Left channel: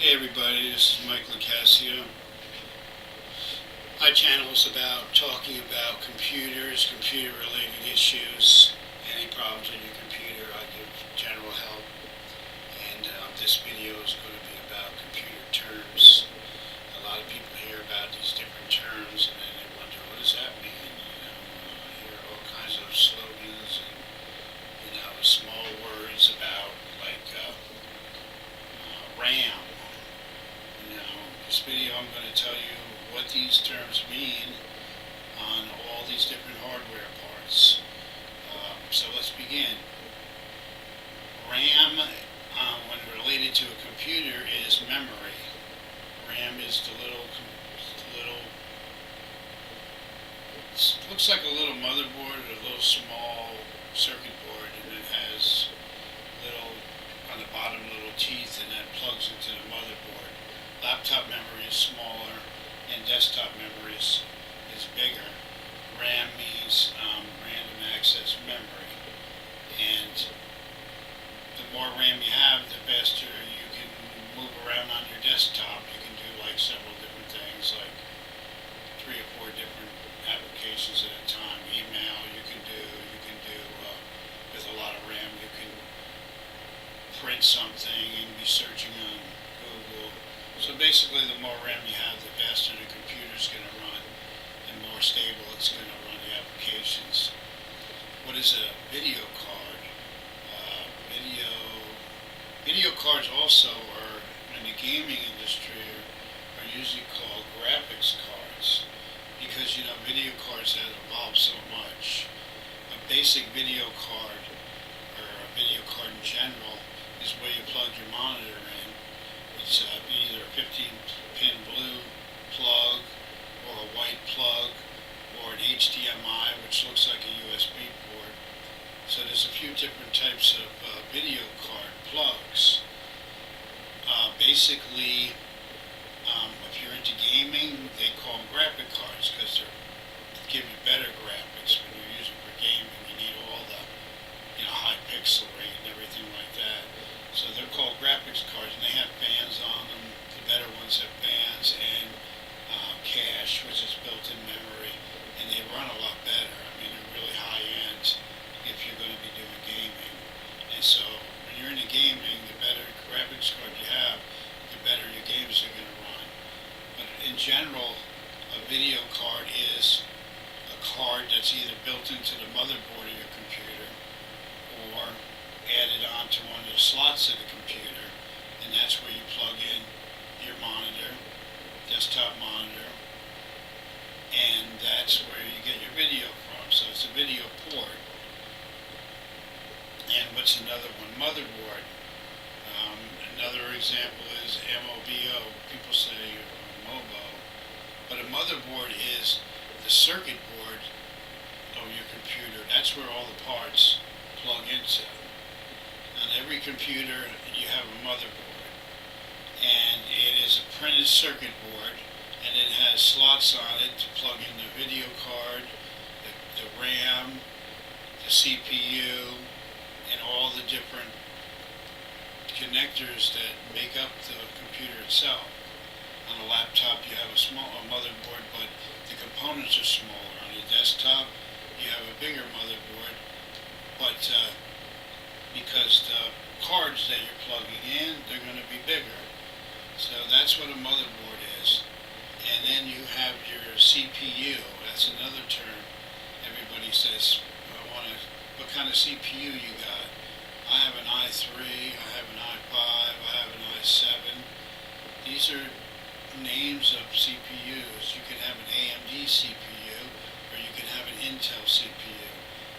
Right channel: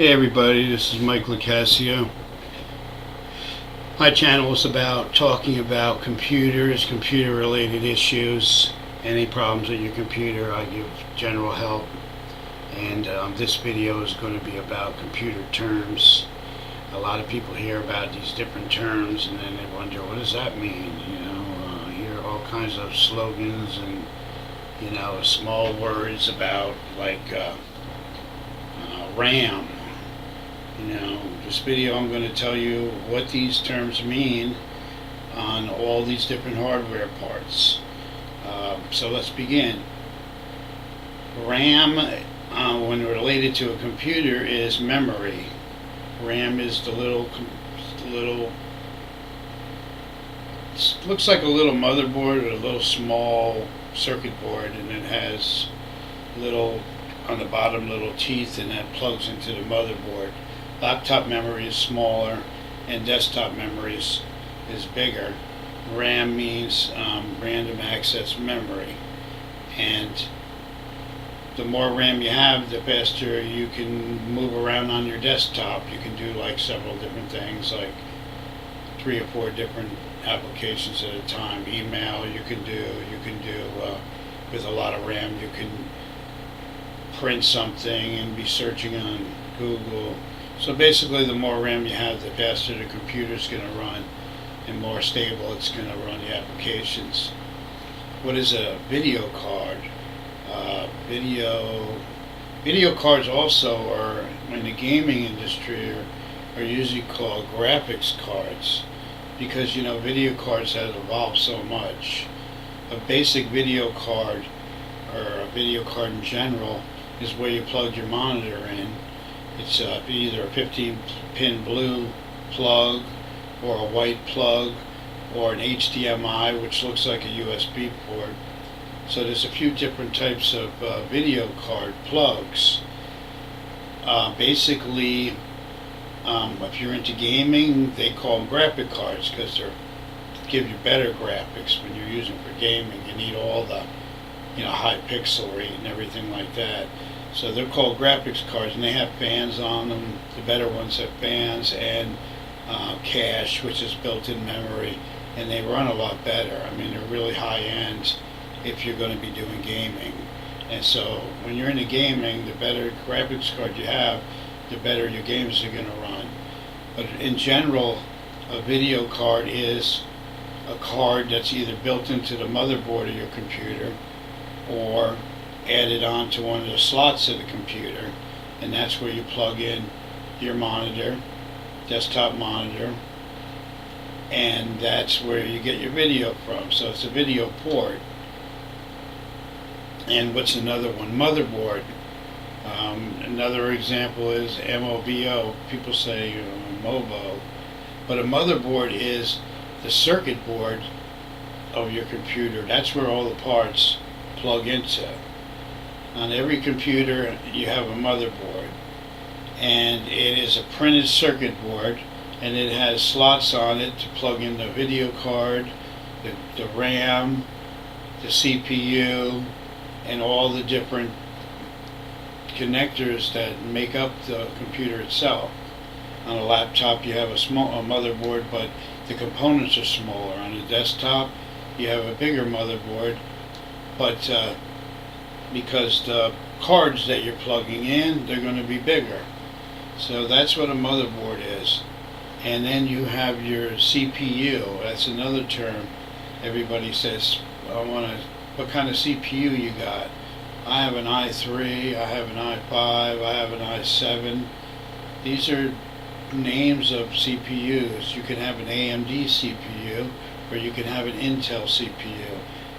Hey everybody, this is Mike Locascio. My channel is about talking about computers, computer related issues, any problems with your computer. I give general help, and this video is going to be about computer terms. A lot of people hear about these different terms and then they wonder, what does that mean? Hear all kinds of slogans and small words about like RAM. This video I'm going to tell you what these terms mean on all these different hardware parts. So let's begin. RAM, when related to a computer, is memory. RAM is the little looks like a little motherboard or a little small circuit board, and it has little on the bottom little teeth, and that plugs into the motherboard. Laptop memory is smaller and desktop memory is bigger. RAM means random access memory, and the more RAM you have, the faster you can move around on your desktop. You can do like several different things, like 3 or 4 different applications at a time. Email you can do with a lot of RAM. You can print something and be searching on Google. So basically, the more RAM you have, the faster the computer's going to run, and more stable it's going to run the applications. What is a video card? Video cards also are, in the gaming industry, are usually called graphics cards, because video cards have evolved so much. A basic video card, or a video card in general, is where you plug your monitor in. It's either a 15-pin blue plug, or a white plug, or an HDMI, which looks like a USB port. So there's a few different types of video card plugs. Basically, if you're into gaming, they call them graphic cards because they give you better graphics when you're using for gaming. You need all the high pixel rate and everything like that. So they're called graphics cards, and they have fans on them. The better ones have fans and cache, which is built-in memory, and they run a lot better. I mean, they're really high-end if you're going to be doing gaming. And so when you're into gaming, the better graphics card you have, the better your games are going to run. But in general, a video card is a card that's either built into the motherboard of your computer or added onto one of the slots of the computer, and that's where you plug in your monitor, desktop monitor, and that's where you get your video from. So it's a video port. And what's another one? Motherboard. Another example is MOBO. People say MOBO, but a motherboard is the circuit board of your computer. That's where all the parts plug into. On every computer you have a motherboard, and it is a printed circuit board, and it has slots on it to plug in the video card, the RAM, the CPU, and all the different connectors that make up the computer itself. On a laptop you have a motherboard, but the components are smaller. On a desktop you have a bigger motherboard, but because the cards that you're plugging in, they're going to be bigger. So that's what a motherboard is. And then you have your CPU. That's another term. Everybody says, what kind of CPU you got? I have an i3, I have an i5, I have an i7. These are names of CPUs. You can have an AMD CPU, or you can have an Intel CPU.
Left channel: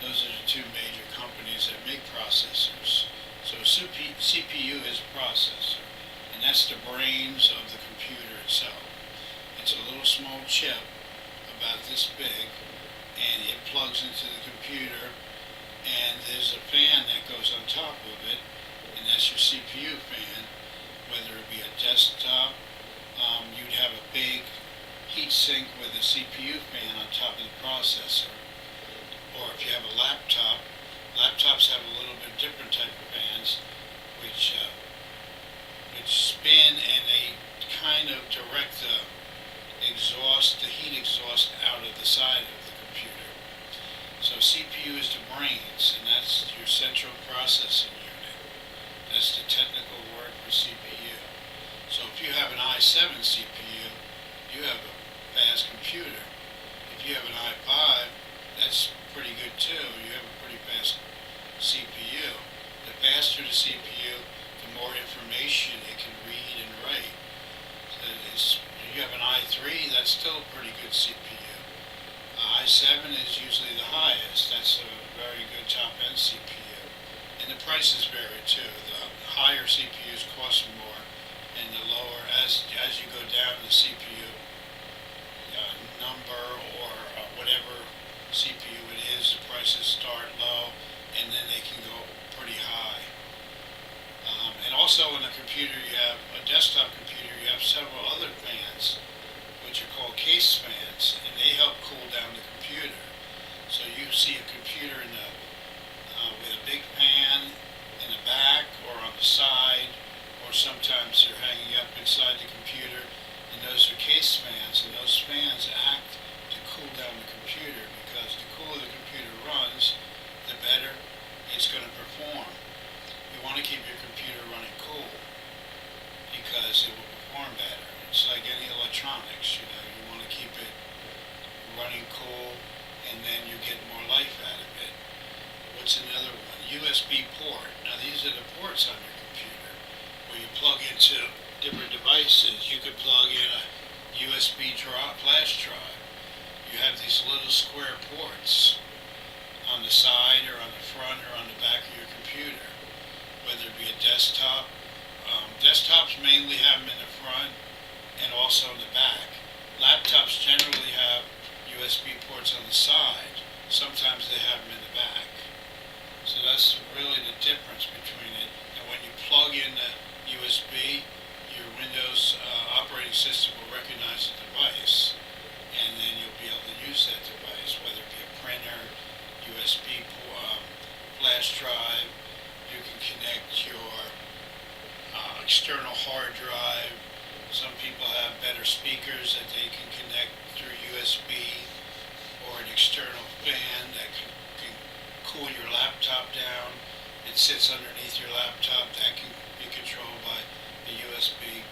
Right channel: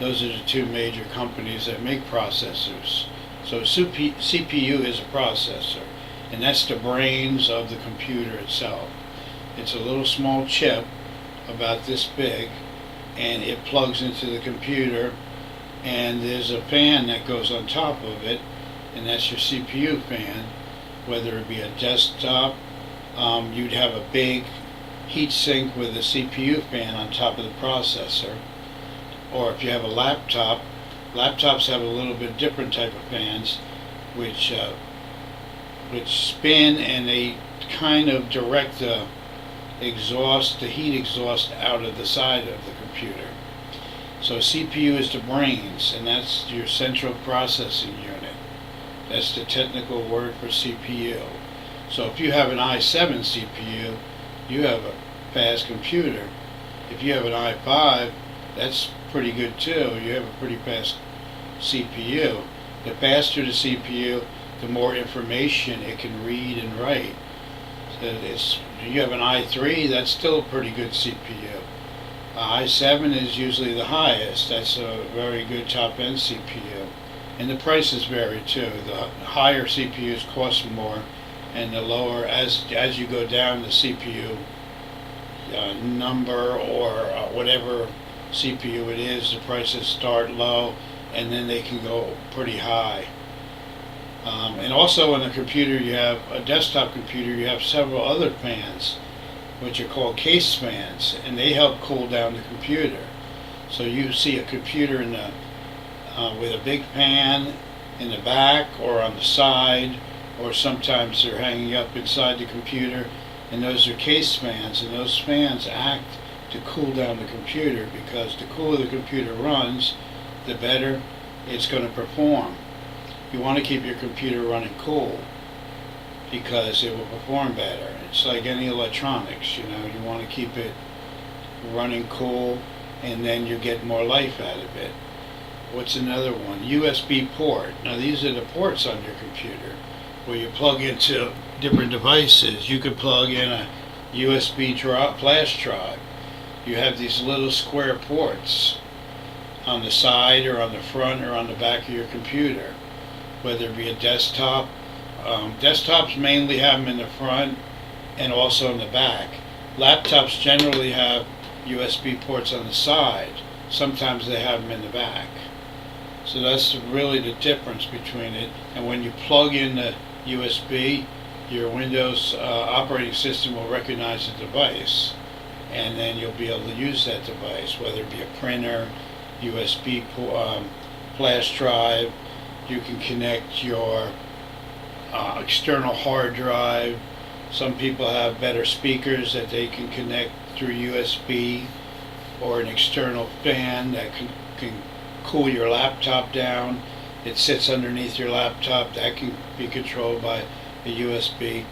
Those are the 2 major companies that make processors. So CPU is a processor, and that's the brains of the computer itself. It's a little small chip about this big, and it plugs into the computer, and there's a fan that goes on top of it, and that's your CPU fan. Whether it be a desktop, you'd have a big heat sink with a CPU fan on top of the processor. Or if you have a laptop, laptops have a little bit different type of fans, which which spin, and they kind of direct the exhaust, the heat exhaust, out of the side of the computer. So CPU is the brains, and that's your central processing unit. That's the technical word for CPU. So if you have an i7 CPU, you have a fast computer. If you have an i5, that's pretty good too. You have a pretty fast CPU. The faster the CPU, the more information it can read and write. So you have an i3, that's still a pretty good CPU. i7 is usually the highest. That's a very good top-end CPU. And the prices vary too. The higher CPUs cost more, and the lower, as you go down the CPU number or whatever CPU it is, the prices start low and then they can go pretty high. And also in a computer, you have a desktop computer, you have several other fans, which are called case fans, and they help cool down the computer. So you see a computer in the with a big fan in the back or on the side, or sometimes they're hanging up inside the computer, and those are case fans, and those fans act to cool down the computer, because the cooler the computer runs, the better it's going to perform. You want to keep your computer running cool because it will perform better. It's like any electronics, you want to keep it running cool, and then you get more life out of it. What's another one? USB port. Now these are the ports on your computer where you plug into different devices. You could plug in a USB flash drive. You have these little square ports on the side or on the front or on the back of your computer, whether it be a desktop. Desktops mainly have them in the front and also in the back. Laptops generally have USB ports on the side. Sometimes they have them in the back. So that's really the difference between it. And when you plug in the USB, your Windows operating system will recognize the device, and then you'll be able to use that device, whether it be a printer, USB flash drive. You can connect your external hard drive. Some people have better speakers that they can connect through USB, or an external fan that can cool your laptop down. It sits underneath your laptop. That can be controlled by a USB.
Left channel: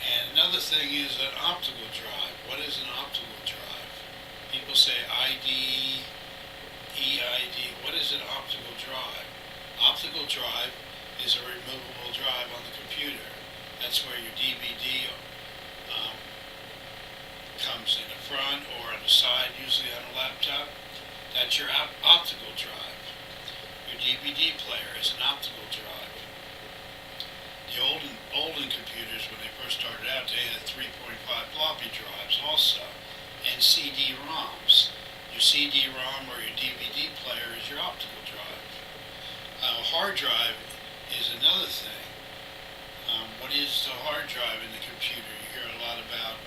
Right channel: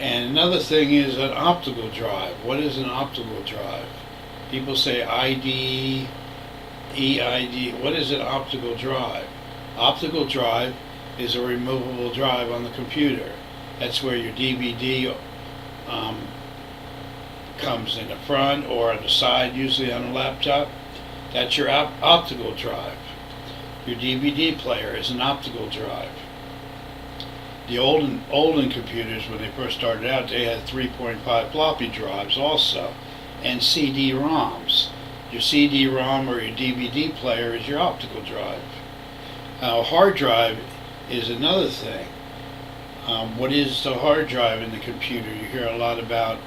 And another thing is an optical drive. What is an optical drive? People say ID, EID. What is an optical drive? Optical drive is a removable drive on the computer. That's where your DVD comes in the front or on the side, usually on a laptop. That's your optical drive. Your DVD player is an optical drive. The olden computers, when they first started out, they had 3.5 floppy drives also, and CD-ROMs. Your CD-ROM or your DVD player is your optical drive. Now, a hard drive is another thing. What is the hard drive in the computer? You hear a lot about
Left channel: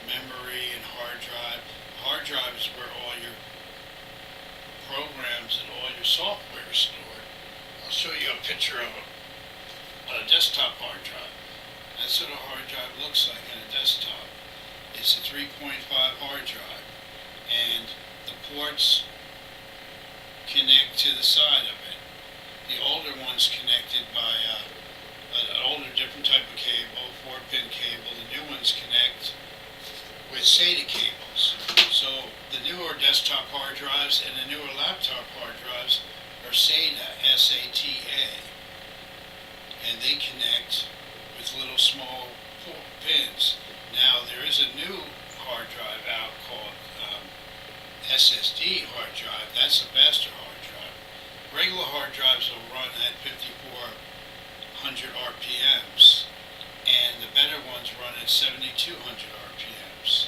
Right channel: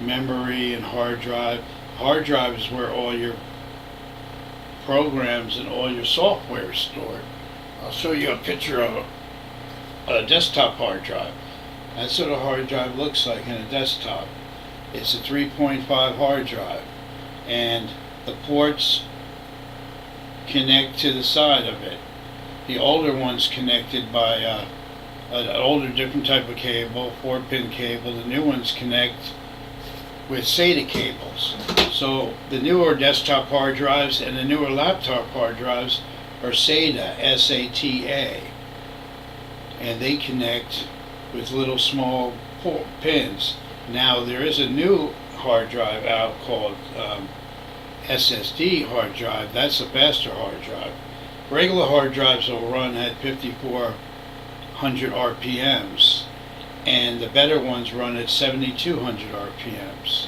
memory and hard drive. Hard drive is where all your programs and all your software is stored. I'll show you a picture of a desktop hard drive. That's what a hard drive looks like in a desktop. It's a 3.5 hard drive, and the ports connect to the side of it. The older one's connected by an older different type of cable, 4-pin cable. The new ones connect with SATA cables. So the newer desktop hard drives and the newer laptop hard drives are SATA, S-A-T-A. And they connect with little small pins. Now there is a new hard drive out called SSD hard drive. That's a faster hard drive. Regular hard drives will run at 5,400 RPMs, and the better ones run at 7,200 RPMs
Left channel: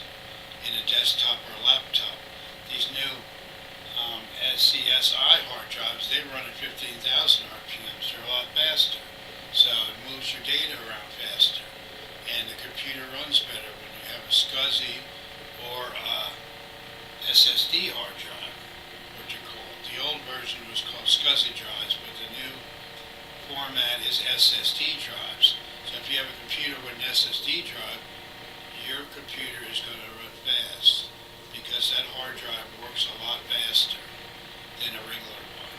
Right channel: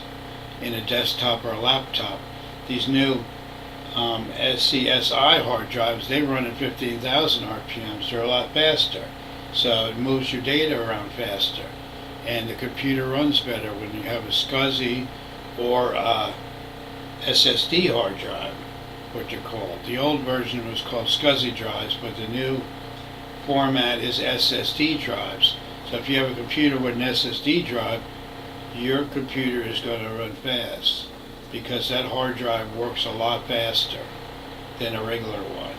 in a desktop or a laptop. These new SCSI hard drives, they run at 15,000 RPMs. They're a lot faster, so it moves your data around faster, and the computer runs better when you have a SCSI or SSD hard drive, what they're called. The old version was called SCSI drives, but the new format is SSD drives. So if you have a computer with an SSD drive, your computer is going to run fast because that hard drive works a lot faster than a regular one.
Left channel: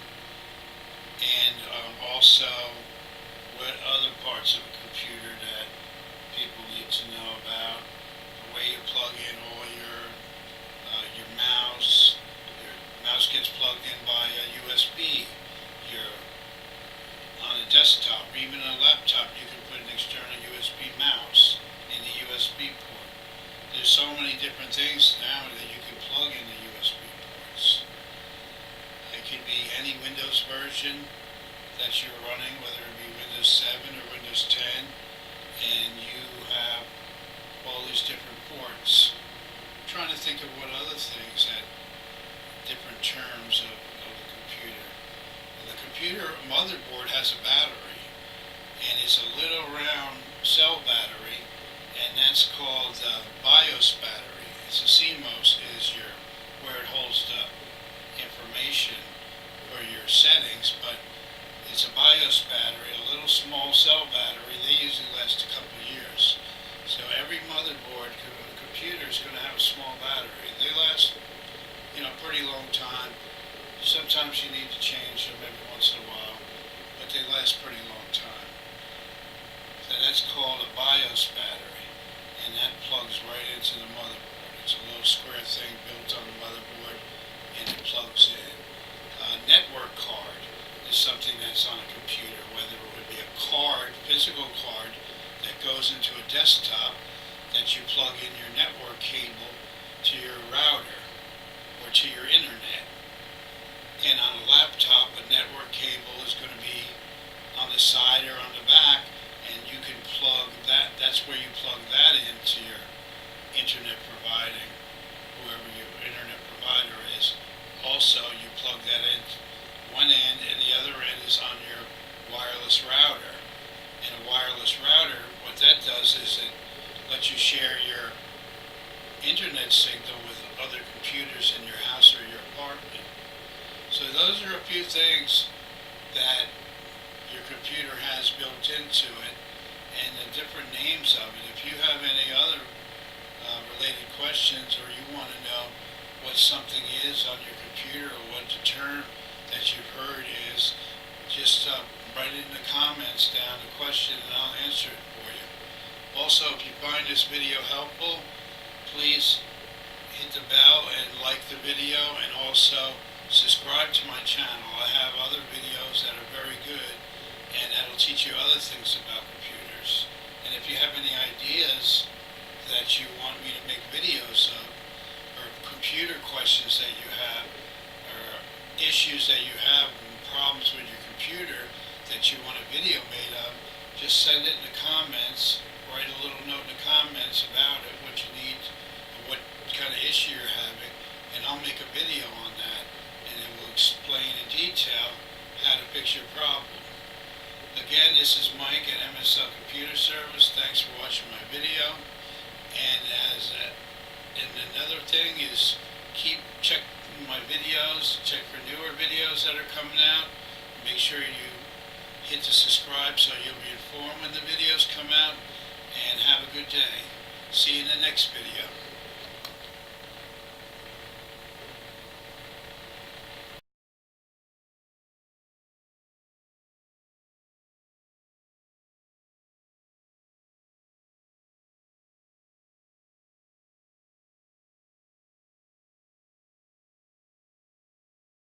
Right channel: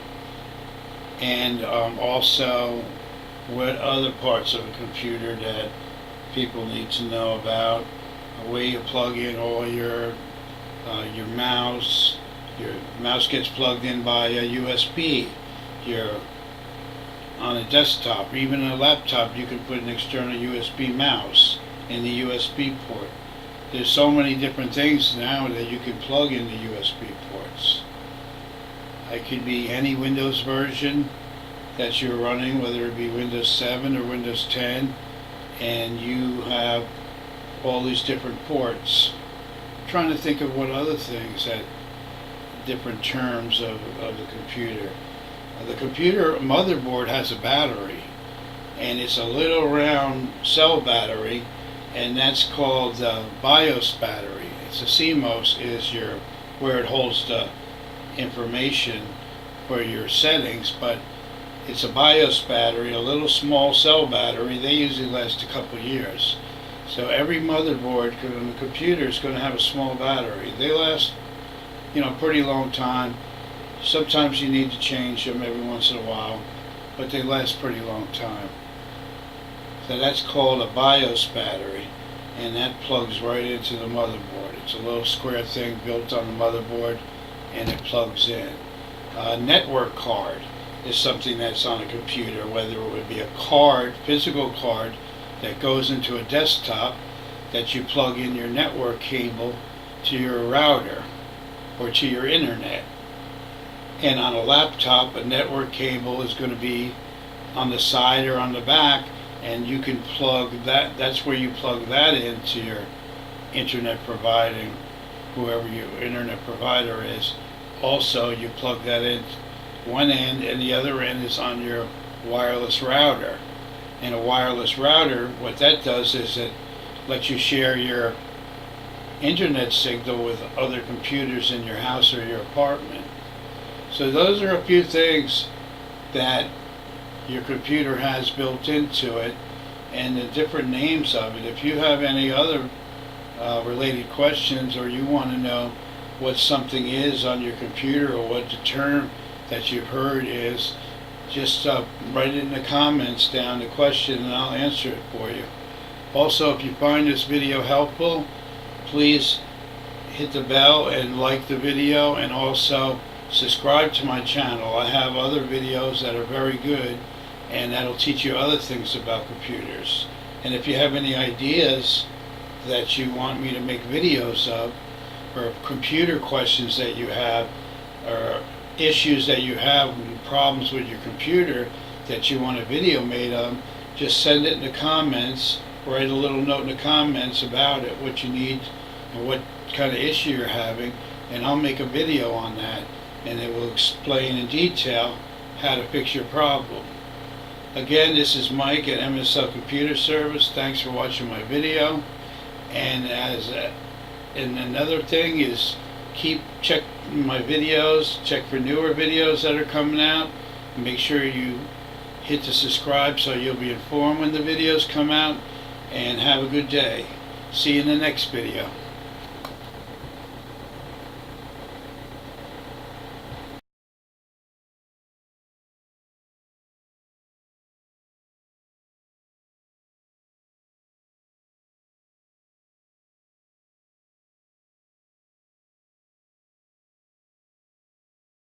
And also, what other parts of a computer that people need to know about? Where you plug in all your mouse. Your mouse gets plugged in by a USB. On a desktop, or even a laptop, you can put an external USB mouse in the USB port. There's so many different things now that you can plug into USB ports. It could be any Windows version that you're running, whether it be Windows 7 or Windows 10, and you have all these different ports. I'm trying to think of what other things that different terms of the computer. The computer motherboard has a battery, and it's a little round cell battery, and that's called the BIOS battery. It's a CMOS is where it holds the information for your settings, but it's a BIOS battery, a little small cell battery. They usually last a couple of years. So every motherboard on the computer is going to have a small battery. They last, pretty long time. Sometimes you need to change them every once in a while, but they last pretty long time. So that's called a BIOS battery, and that plugs right into the motherboard. It's a little square thing built on the motherboard, and it plugs in. A network card is something that's on a computer, whether it would be a card, physical card, that goes into a desktop that you plug in your network cable to your router or to your internet. And on a laptop, a network cable is going to be on the side or on the back, and you can plug that, that's where you plug that into your internet providing, whoever your internet provider is. Also, you plug that in one end, and the other end is on your wireless router. And a wireless router, what that does is it lets you share your internet signal with other computers in your house or your apartment. So those are a few things that your computer has built into it, and the different names of it. If you have any other related questions, or you want to know what something is on your computer, or what the term that you've heard is, just write it in the comments down, the question, and I'll answer it for you. Also, if you find this video helpful, please hit the bell and like the video, and also subscribe to my channel. I have other videos that are very good, and that'll teach you other things about computers. And if you have any ideas that you want me to make videos of, or computer questions that you have, or issues that you have, problems with your computer that you want a video made of, just send it in the comments. Write a little note in the comments about it, what you need and what kind of issue you're having, and I'll make a video on that, and it will explain in detail how to fix your problem. Again, this is Mike at MSL Computer Service. Thanks for watching my video. And another thing is, check my videos, check for newer videos that are coming out. Make sure you hit the subscribe so you'll be informed when the videos come out. And have a good day. See you in the next video.